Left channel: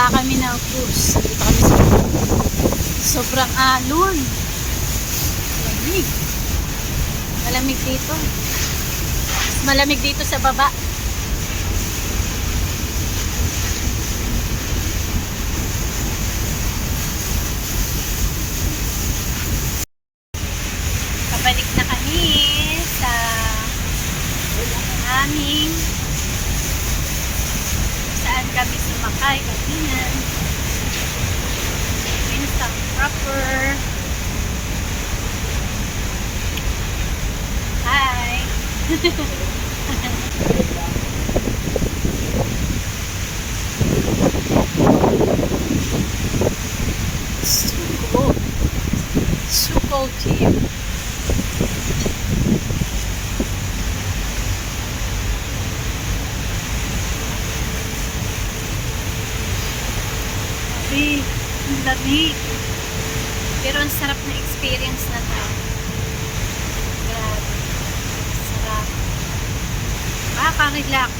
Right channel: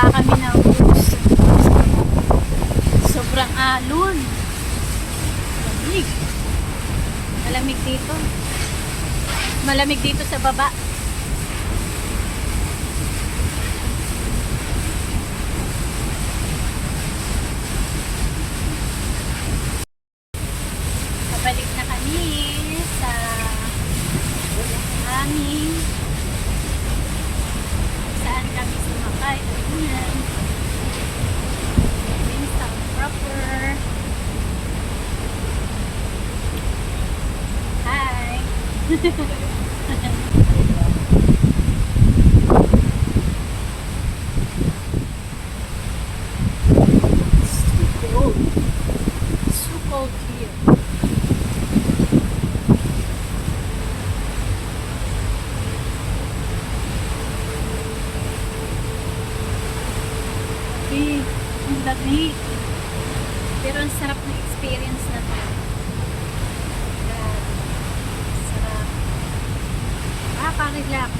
Baba kami ng cruise. Sobrang alon. Malamig. Malamig dito. Malamig dito sa baba. Pabalik na kami sa aming saan kami sumakay kanina. Queenstown proper. Hi! It's too cold. It's too cold here. Ang lamig. Pero ang sarap na experience na to. Grabe. Sarap. Makaka-relax.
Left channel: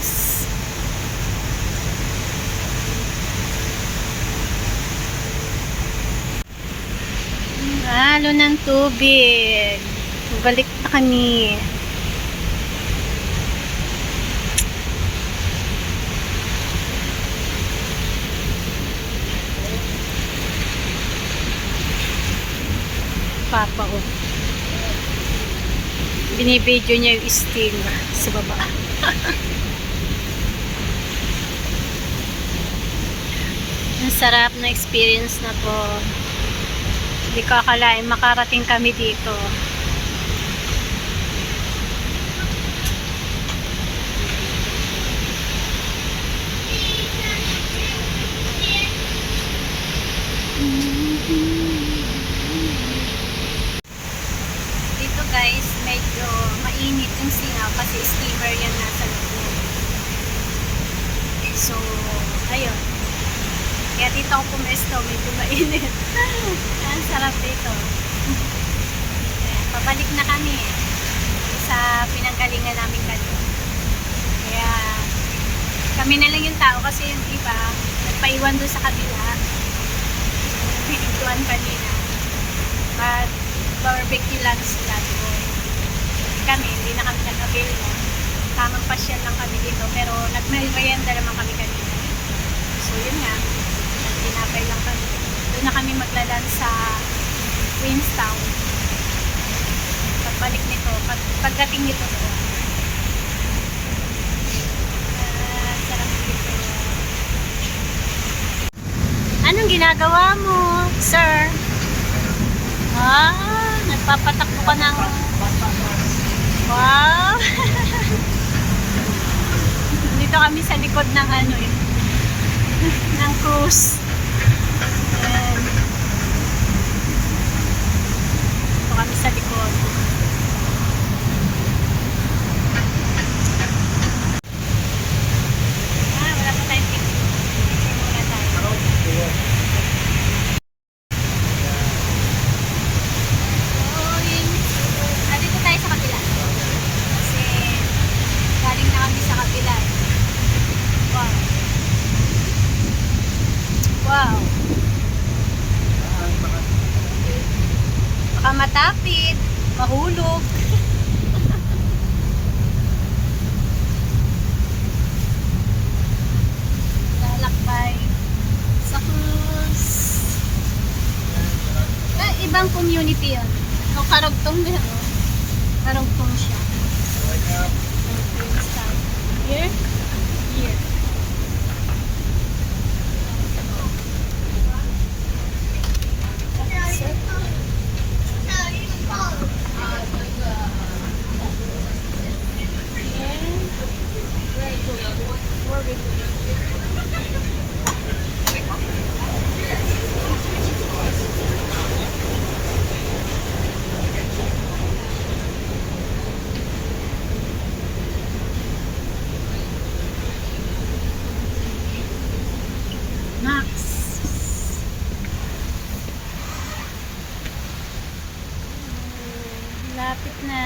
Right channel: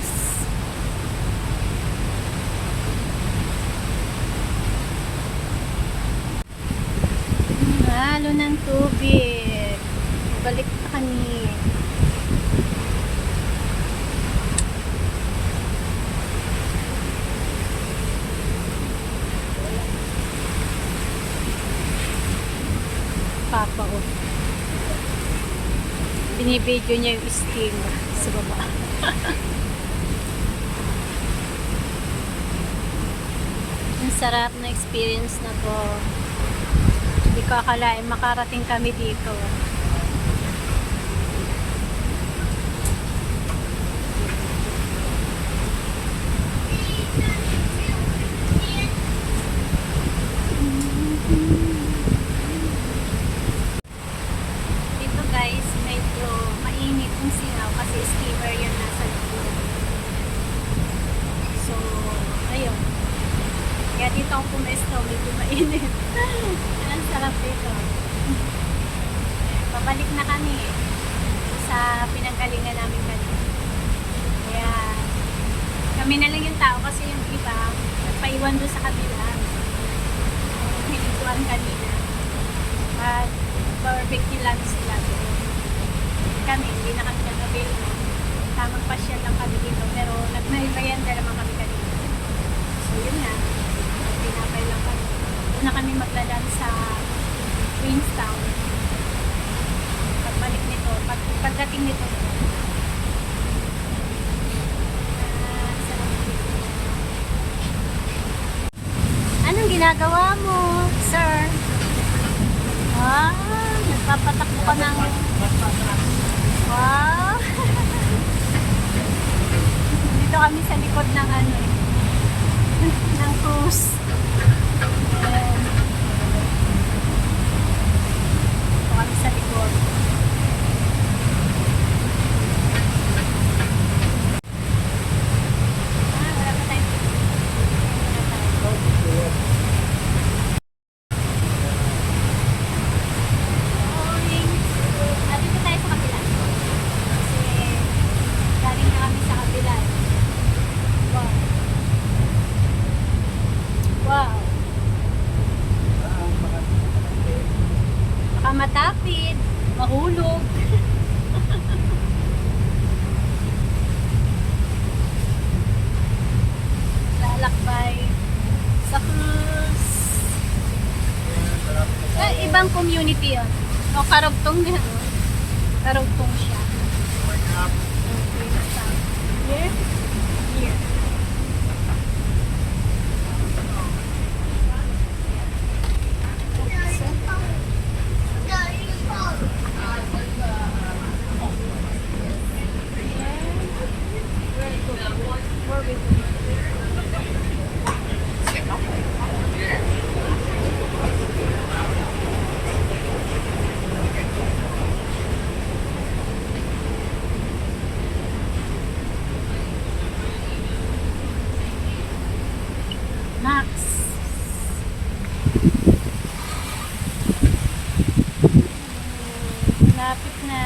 Halo ng tubig. Balik na kami. Papa, oh. Binibidyo niya yung steam sa baba. Ang sarap na experience na to. Hindi ko akalain makarating kami dito. Guys, medyo mainit yung singaw kasi steamer yan nasa loob. So, ayun. Kaya dito ako pumesto, medyo mainit. Ang sarap dito. Ayan, pabalik na kami sa pinanggalingan namin kanina. Kaya, kami na lang yung tao kasi yung iba, nagpaiwan doon sa kabila. Pinintuan kanina. But, barbecue lang sila doon. Kami, hindi na kami nag-avail noon. Tamang pasyal lang kami dito. Pero nag-merienda naman kami kanina. So, yun nga. Nag-tinapay lang kami. Doon na kami maglalan sa Queenstown. Pagbalik nito, pagdating nito doon. Sarap dito. Anong ginagawa mo, sir? Nagpapatakbo ka ng... Wow! Dito kami sa likod ng ano eh. ng cruise. Ayan. Dito kami sa likod. Wala pa tayong ticket. Picture muna tayo. Wow. Baka matapid, mahulog. Lalakbay sa cruise. Ibang community yun. O, karugtong na. Karugtong siya. Here? Here. Lapit na.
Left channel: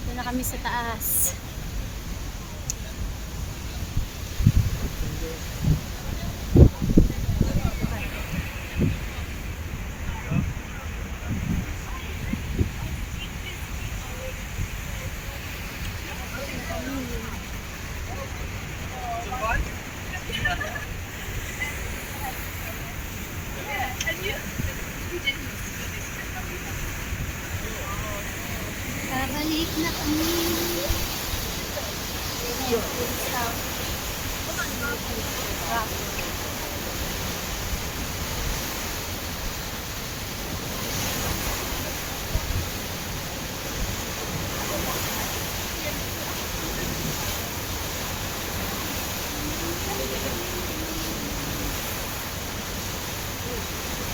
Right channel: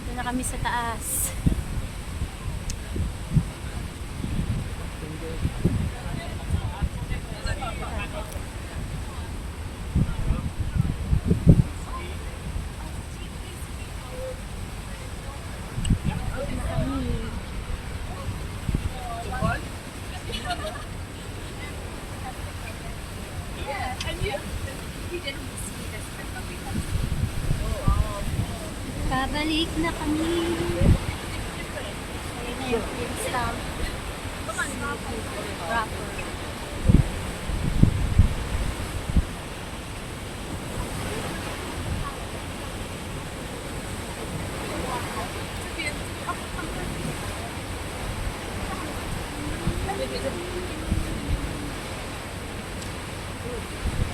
Ito na kami sa taas. Balik na kami. Ayun na yung Queenstown. Proper.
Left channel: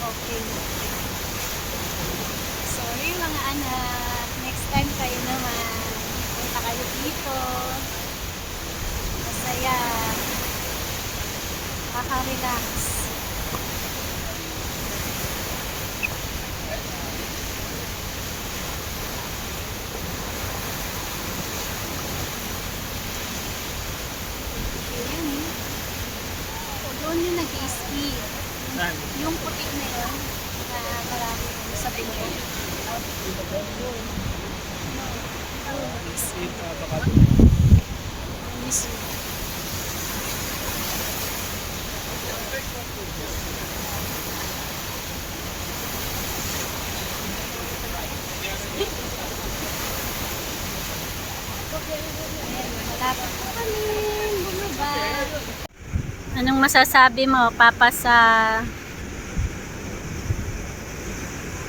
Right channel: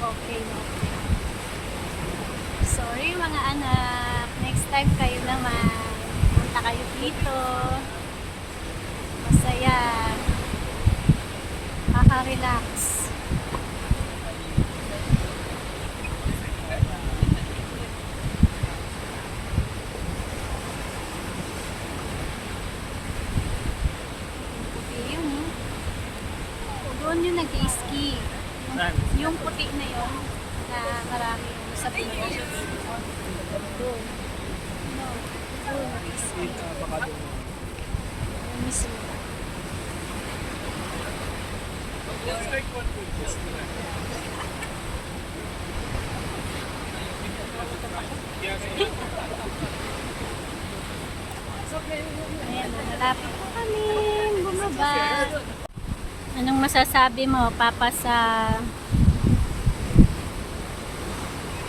Okay na. Sorry mga anak. Next time kayo naman. Punta kayo dito. Masaya. Maka-relax. Yun. Doon yung nag-i-ski. Yung puti na yun na marami sa bundok. Doon. No. Doon nag-i-ski. Mismo. Ayan, malapit na kami bumaba. Anong masasabi mo, Papa, sa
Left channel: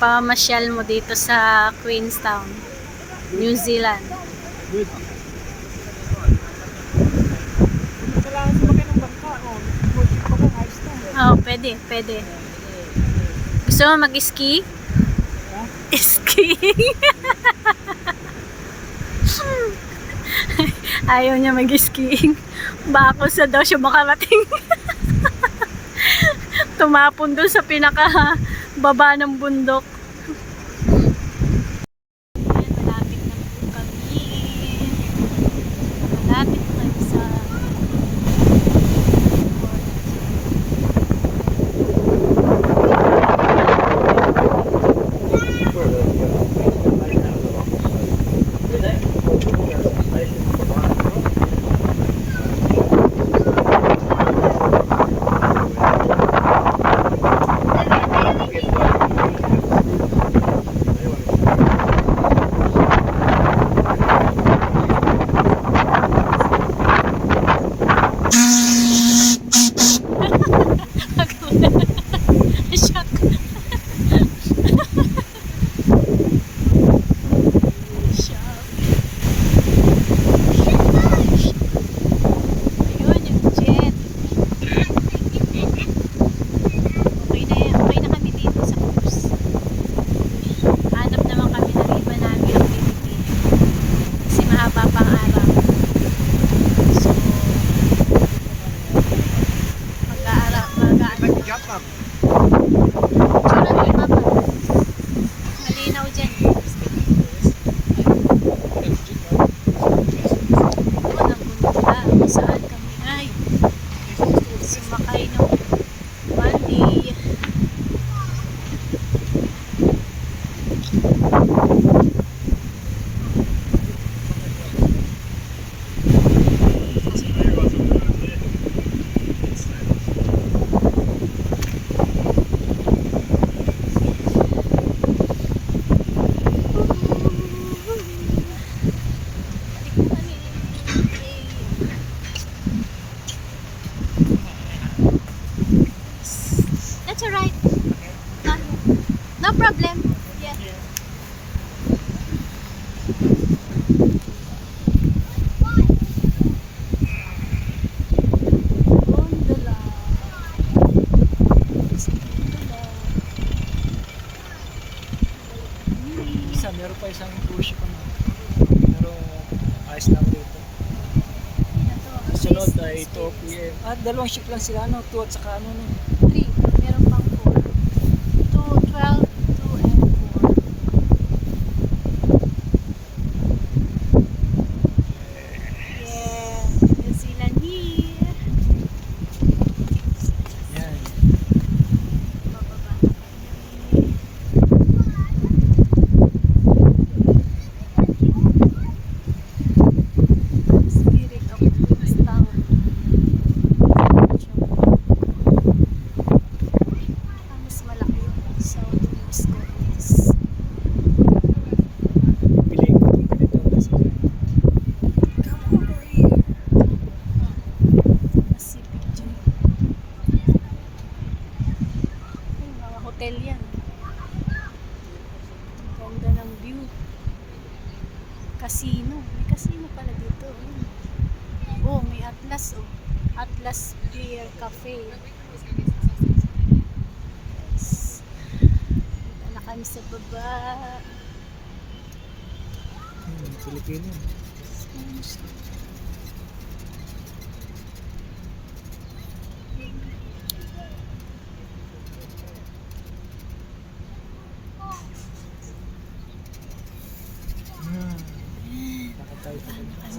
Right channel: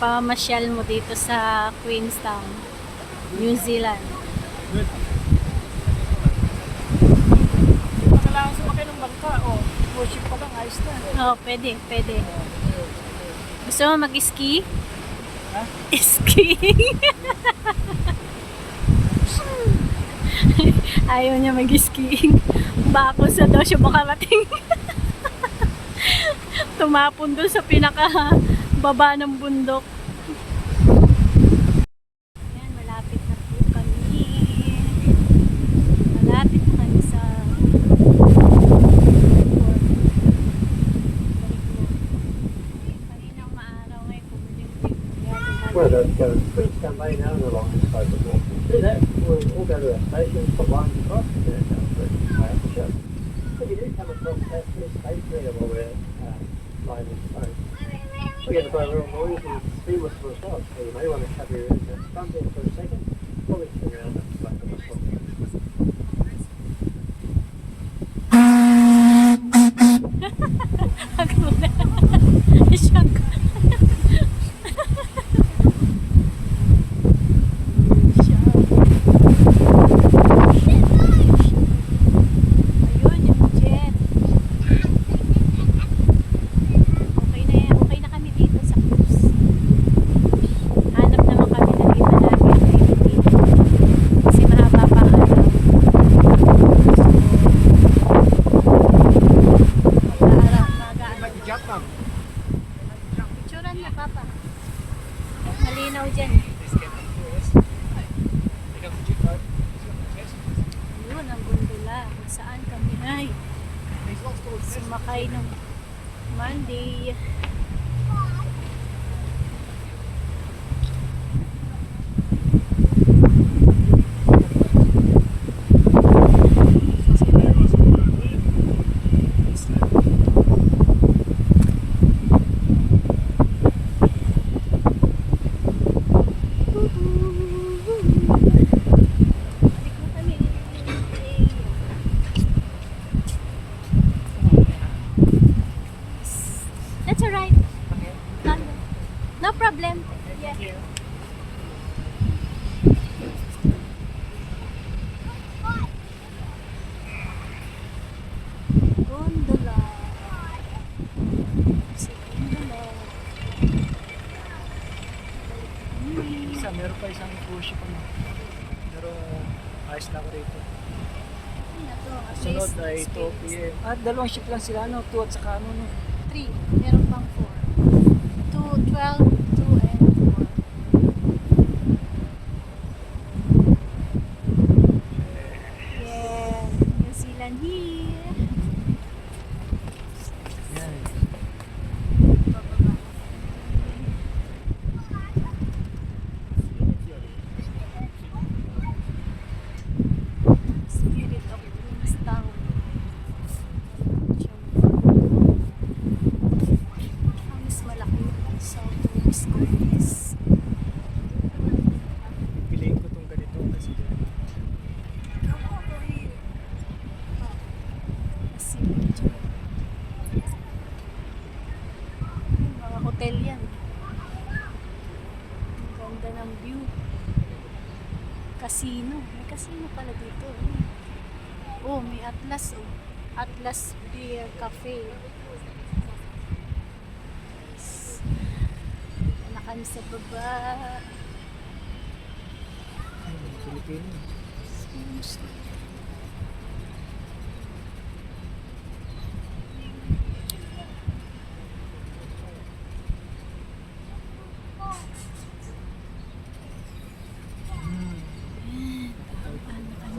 pamasyal mo dito sa Queenstown, New Zealand? Good. Kailangan sumakay ng bangka o worship ko kang ayos na. Oo, pwede, pwede. Gusto mo mag-ski? Ha? Skiing? Ayaw niya mag-skiing. Bako sa daw siya makarating. Tumapon doon sa pinaka baba ng bundok. Ayan, malapit na po kami. Malapit na kami sa port. We're going to Queenstown Bay now and along the slope. Do that. We'll go to the station for one o'clock. Shock. Ayun, yung jet. Okay na yan. Okay na kami dito sa cruise. Hanap naman kami ng iba namin activity. Kasi mahaba pang araw. So, mag-aaral. Tsura ni Papa. Malinaw dyan. Doon ang gunda. Saan kami ay sumakay ng Monday. Balik na kami. That's alright. No problem. Yeah. Gondola. Sa gondola. Isa, meron pa isang cruise ship ano. Pero ayos lang dito. Ito, Sunod ay ito year. At dalawang ship lang sila ano, 2 at saka ano no. 3. Meron pang 4. 2, 12, 2 and 4. Yeah. New Zealand here. Yan. Bababa na kami. Spirit of Queenstown. Mas malaki yung South Wales Gomez. Piling ko itong hotel yan. Ang ganda ng view. Casino. May casino pala dito. Ayun. Oh, may Atlas oh. Atlas Beer Cafe. Yes. Dito na kami sa baba. Pilipino.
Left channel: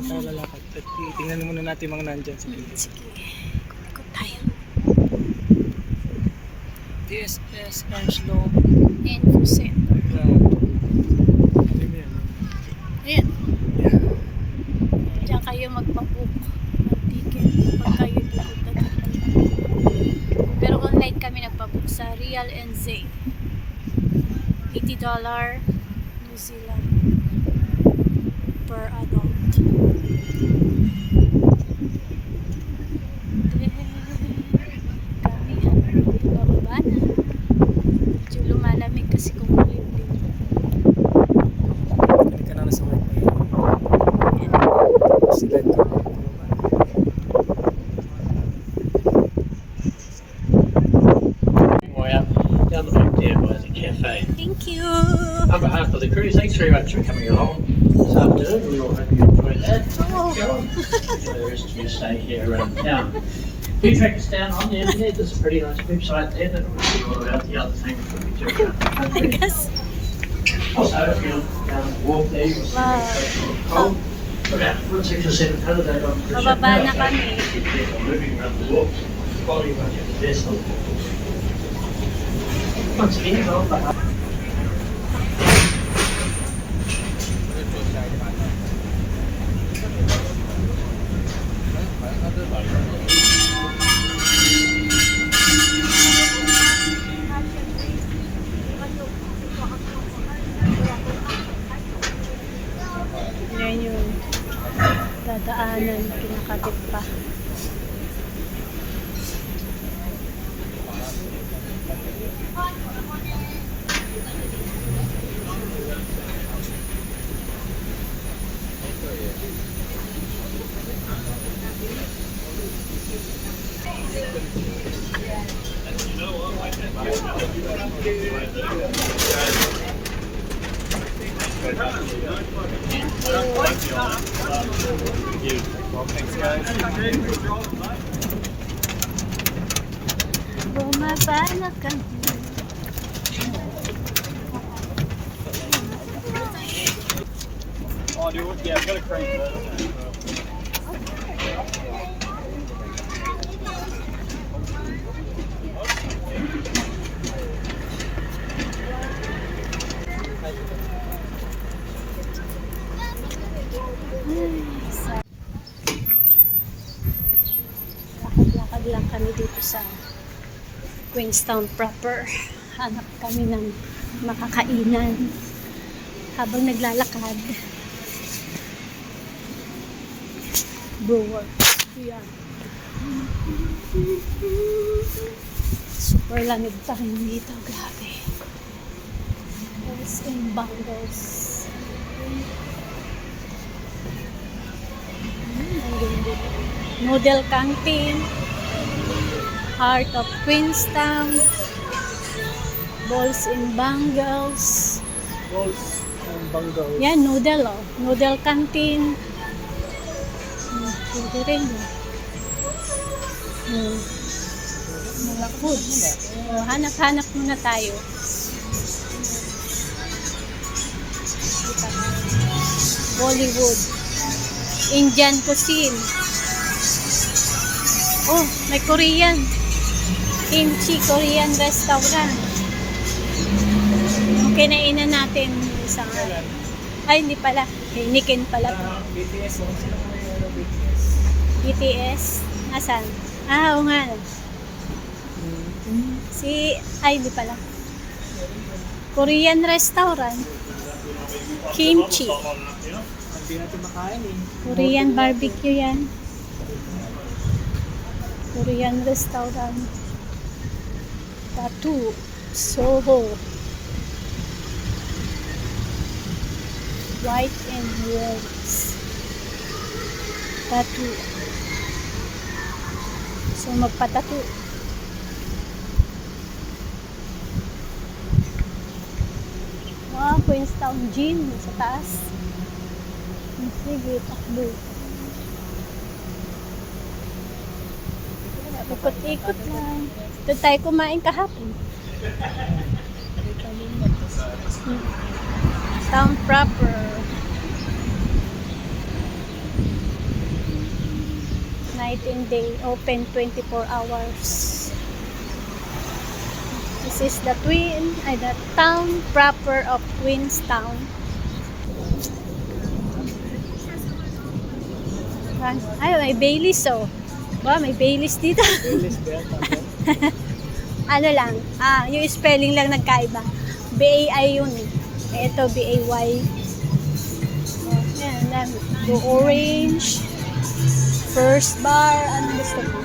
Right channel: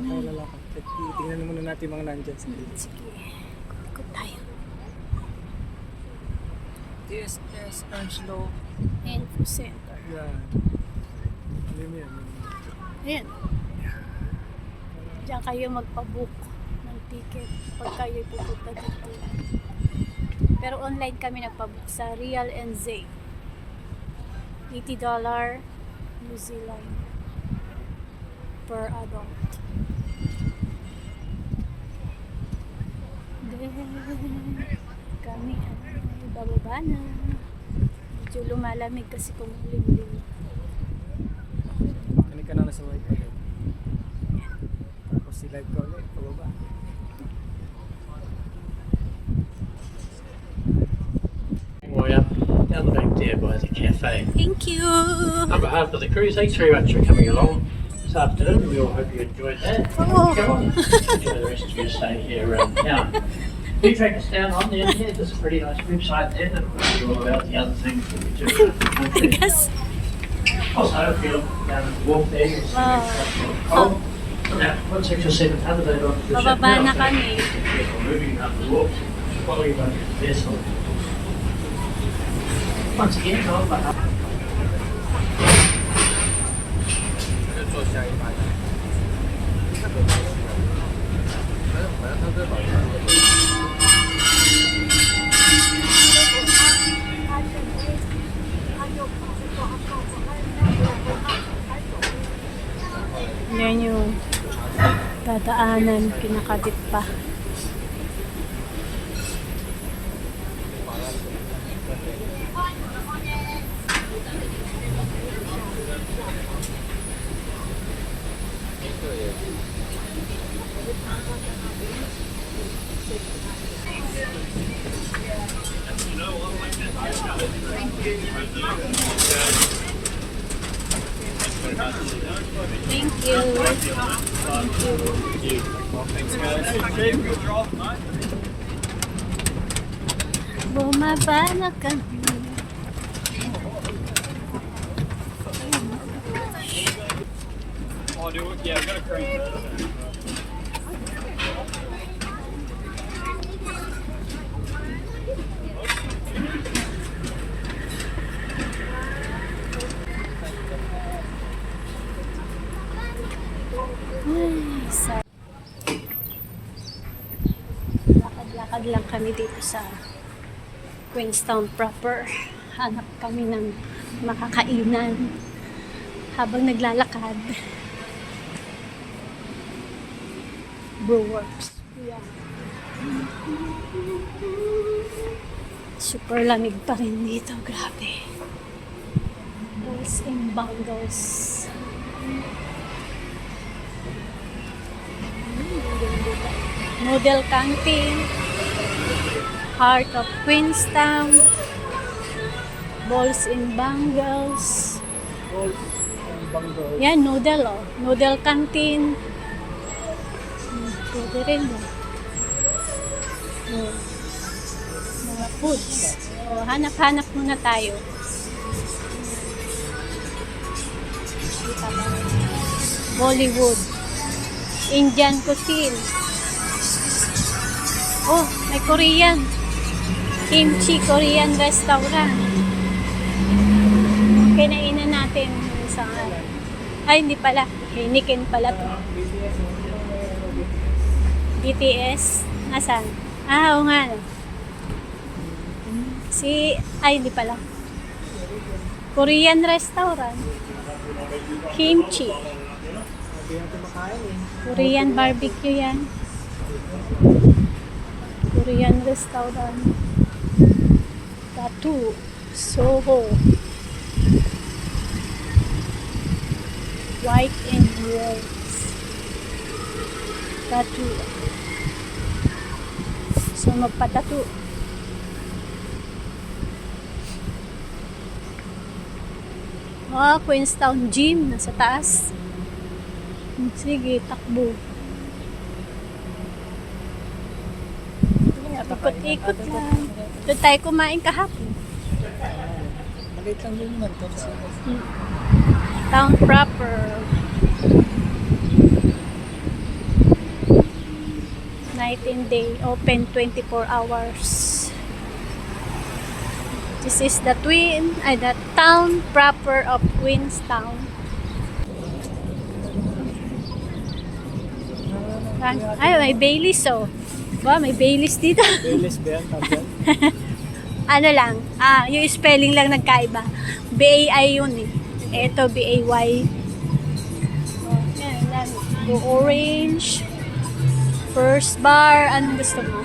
Tayo lalakad. Tingnan muna natin mga nandyan sa gilid. Sige. Ikot tayo. This is Enslow. Info Center. Ano mo yan? Ayan. Diyan kayo magpabook ng ticket pag kayo pupunta dito. Pero online kami nagpabook sa Real NZ. $80 New Zealand per adult. Then, kami bababa na. Medyo lumalamig kasi kung malimlim. Kani ka na sa work eh. Sila ko. Way up down the back there by the cafe. Thank you! On behalf of the cruise, thanks very much for coming along this afternoon. We all hope you enjoyed that. Oh. Go on, enjoy the rest of your stay here around town. If you track us down on the internet, there's a pretty nice website there that will tell you all about the other things that we do around the I country. guess. Also, if you walk there, you can see Wow. about 16 or 700 they don't Bababa na kami. Be careful moving around the walks while you run your vessel. Once again, on behalf Yan yung dadaanan, kinakabit pa. Thank you. Bumaba na kami. Oh, dude, yeah, I've got a crane. Lakad-lakad lang kami dito sa Queenstown proper. Hanap kami ng makakainan habang naglalakad. Brewer. Yeah. Super lamig pa rin dito. Grabe. Balls and bangles. Ang ganda. Noodle Canteen, Heart of Queenstown, Balls and Bangles. Balls and bangles. Yan, noodle oh. Noodle Canteen. Pwede rin oh. Mga foods. Oh, hanap-hanap muna tayo. Kita ba? Bollywood. Indian cuisine. Oh, may Korean. Kimchi Korean restaurant. Yung kinainan natin yung isang ay, hindi pala. Hinikin pala to. BTS. BTS? Nasaan? Ah, oo nga. No. Ay, hindi pala. Korean restaurant. Kimchi. Hindi natin makain eh. Korean barbecue yan. Korean restaurant. Tattoo. Soho. White and rose. Tattoo. So, magpa-tattoo. Queenstown Gym. Nasa taas. Sige, takbo. Ikot-ikot lang. Doon tayo kumain kahapon. Maliit lang din yan. Town proper. Night and day. Open 24 hours. This is the town proper of Queenstown. Ay, may Baileys oh. Wow, may Baileys dito. Baileys ba yan? Ano lang, yung spelling lang nagkaiba. B-A-I yun eh. Ito, B-A-Y. Oh, yan, dami. Go orange. First bar, anong gusto mo?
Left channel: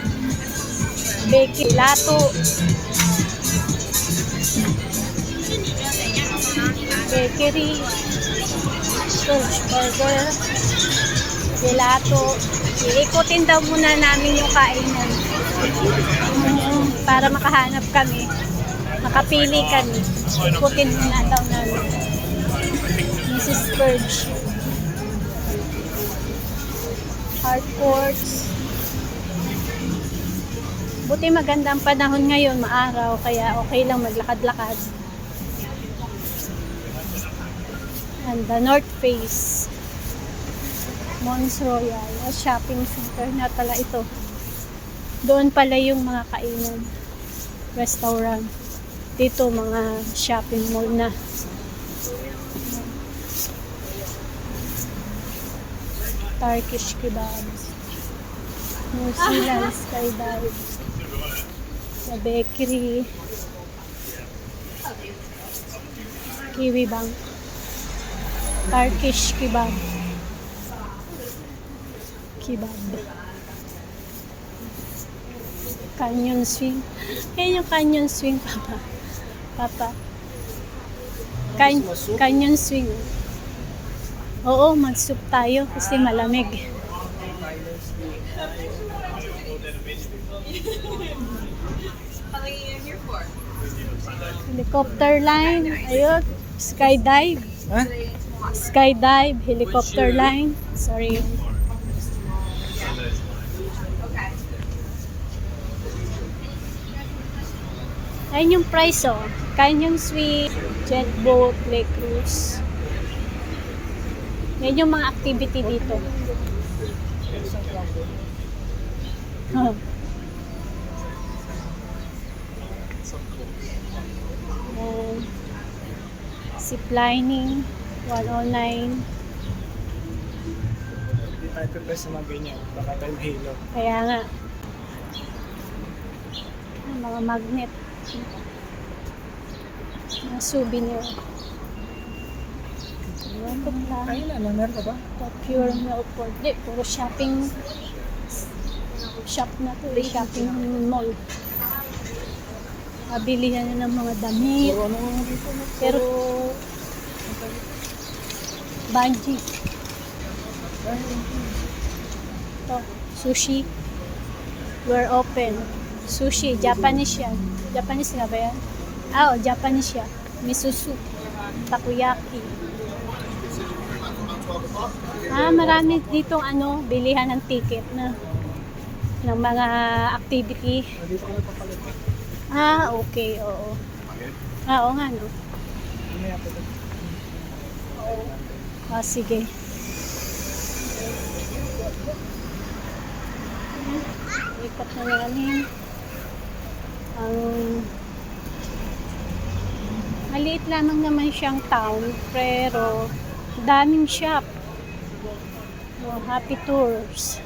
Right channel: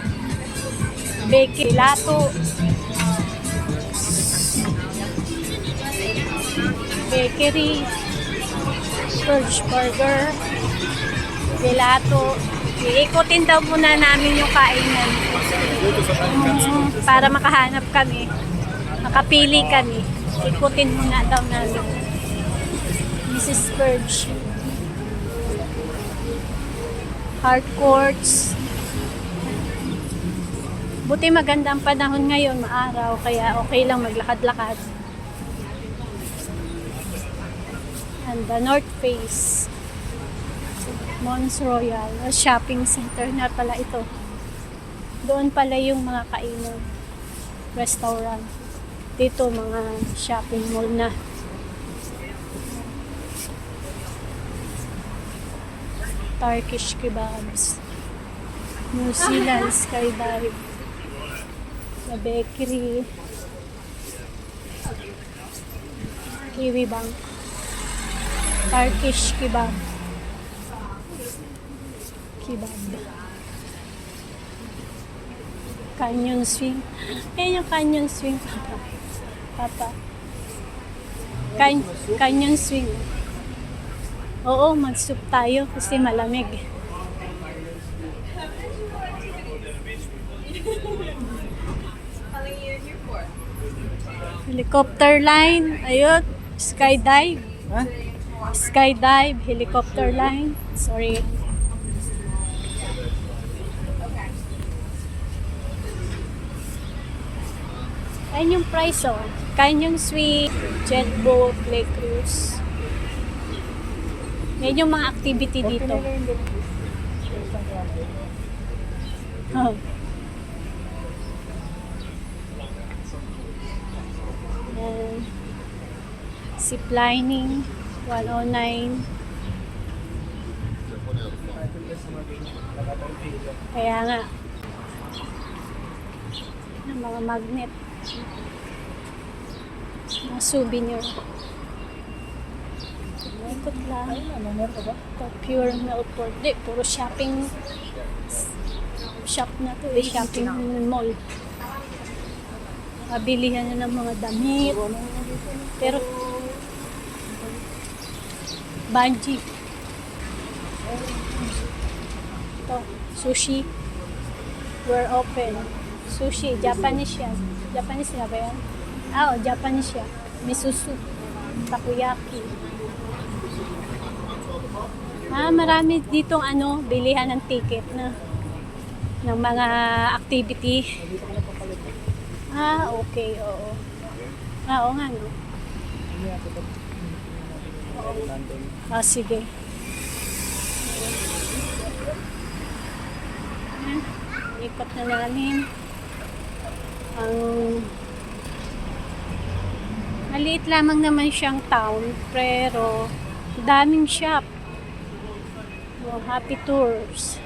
Bakery, lato. Bakery. First burger. Gelato. Iikutin daw muna namin yung kainan. Para makahanap kami. Makapili kami. Ikutin muna daw namin. Mrs. Purge. Hard courts. Buti maganda ang panahon ngayon, maaraw. Kaya okay lang maglakad-lakad. And the North Face. Mons Royal, a shopping center na pala ito. Doon pala yung mga kainan, restaurant. Dito mga shopping mall na. Turkish kebabs. New Zealand skydive. Sa bakery. Kiwi Bank. Turkish kebab. Canyon swing. Ayan yung canyon swing, Papa. Canyon swing. Oo, mag-soup tayo kasi malamig. Helicopter line. Ayun. Skydive. Ha? Skydive. Helicopter line. Sorry. Ayan yung price oh. Canyon swing, jet boat, lake cruise. Yan yung mga activity dito. Oh. Ziplining, 109. Kaya nga. Mga magnet. Mga souvenir. Ikot lang. Pure Melbourne. Di, puro shopping shop na to. Shopping mall. Mabilihan na ng mga damit. Pero Banji. Ito, sushi. We're open. Sushi, Japanese yan. Japanese nga ba yan? Oo, Japanese yan. Miso soup. Takoyaki. Marami ditong bilihan ng ticket na ng mga activity. Okay, oo. Oo nga, no? Sige. Ikot na namin. Maliit lamang naman siyang town, pero daming shop. Happy Tours.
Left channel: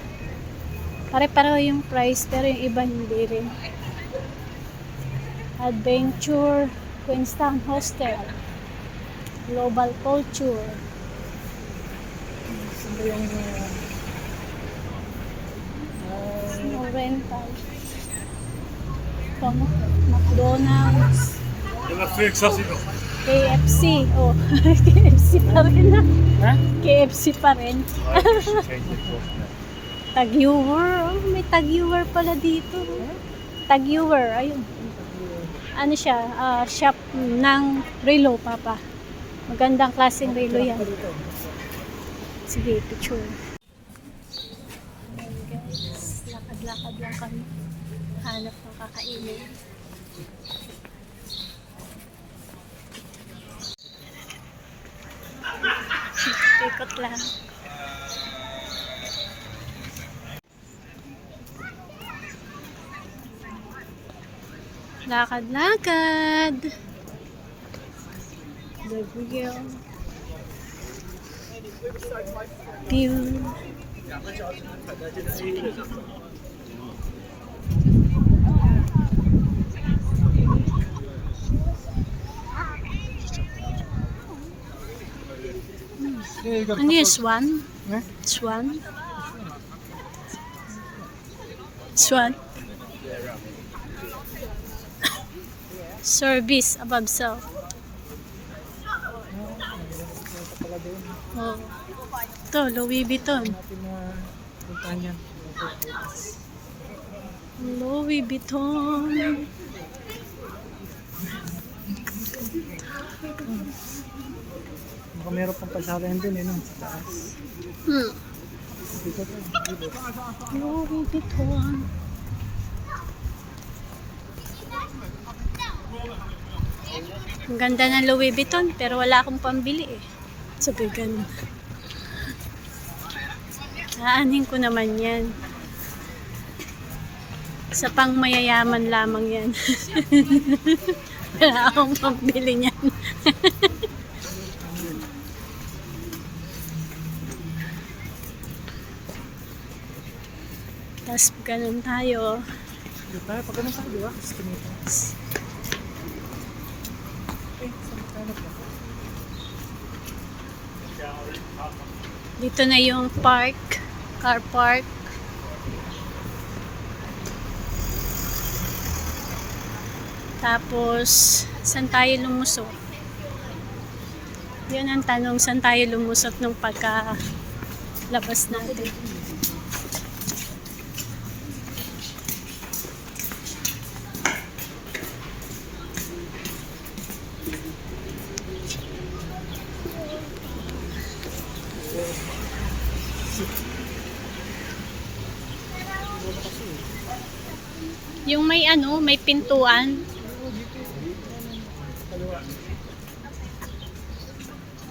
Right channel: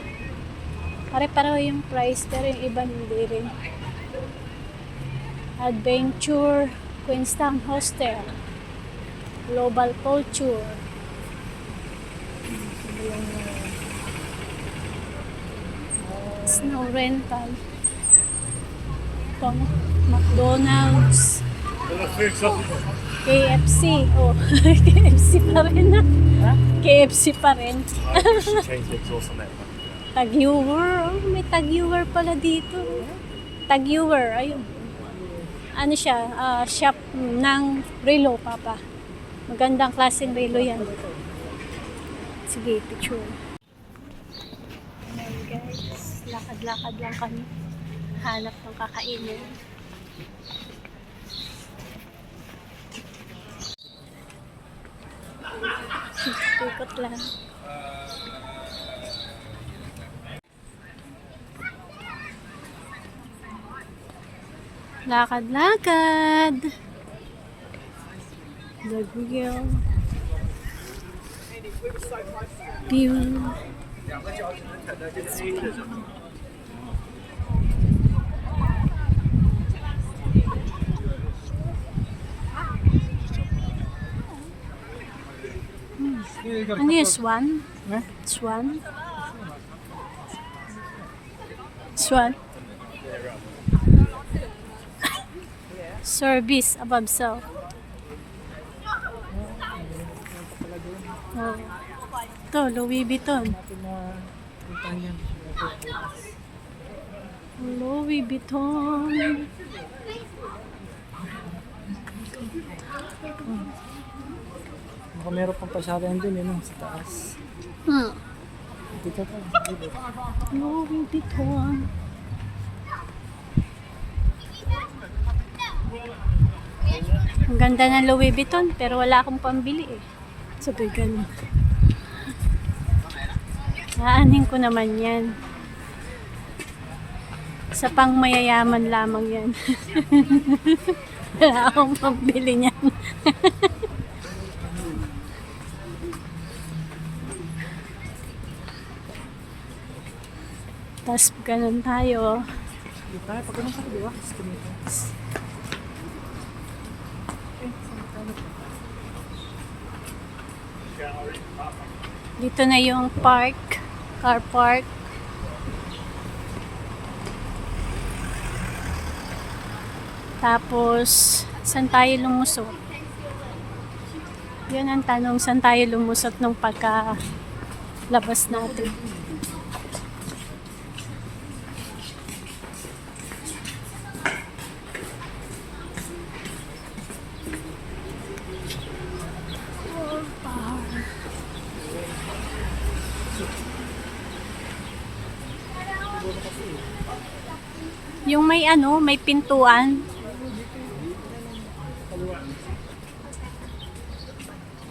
Pare-pareho yung price, pero yung iba hindi rin. Adventure, Queenstown Hostel, Global Culture. Snow rental. Ito, McDonald's. KFC. Oh, KFC pa rin na. Ha? KFC pa rin. Tag-Heuer. Oh, may Tag-Heuer pala dito. Tag-Heuer. Ayun. Ano siya? Shop ng relo, Papa. Magandang klaseng relo yan. Sige, picture. Ayan guys. Lakad-lakad lang kami. Hanap ng kakainin. Ikot lang. Lakad-lakad. The Google. View. Ano yung swan? Ha? Swan? Swan? Service above self. Oh. Ito, Louis Vuitton. Natin na puntahan yan. Louis Vuitton. Baka meron pang pasaran din eh, no? Sa taas. Dito pa. Dito. Louis Vuitton. Ang ganda ng Louis Vuitton, pero wala akong pambili eh. Sabi ganun. Aanin ko naman yan. Sa pang mayayaman lamang yan. Wala akong pambili niyan. Tapos ganun tayo. Dito tayo. Pag ganun tayo, di ba? Estimate. Saan tayo na po? Dito na yung park, car park. Tapos, saan tayo lumusot? Yun ang tanong, saan tayo lumusot nung pagka-labas natin. Yung may ano, may pintuan.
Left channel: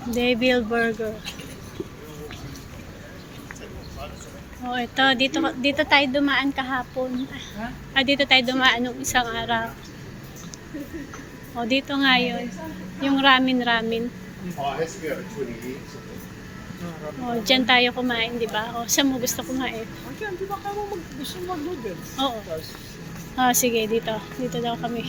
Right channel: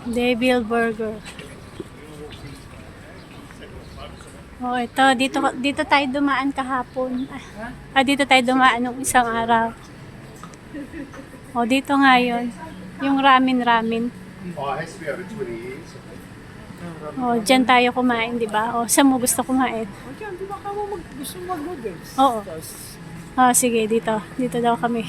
Devil Burger. Oh, ito dito tayo dumaan kahapon. Dito tayo dumaan nung isang araw. Oh, dito nga yun. Yung ramen. Oh, dyan tayo kumain, di ba? Oh, saan mo gusto kumain? Okay, di ba ka mo gusto mag-noodles? Oo. Sige, dito. Dito daw kami.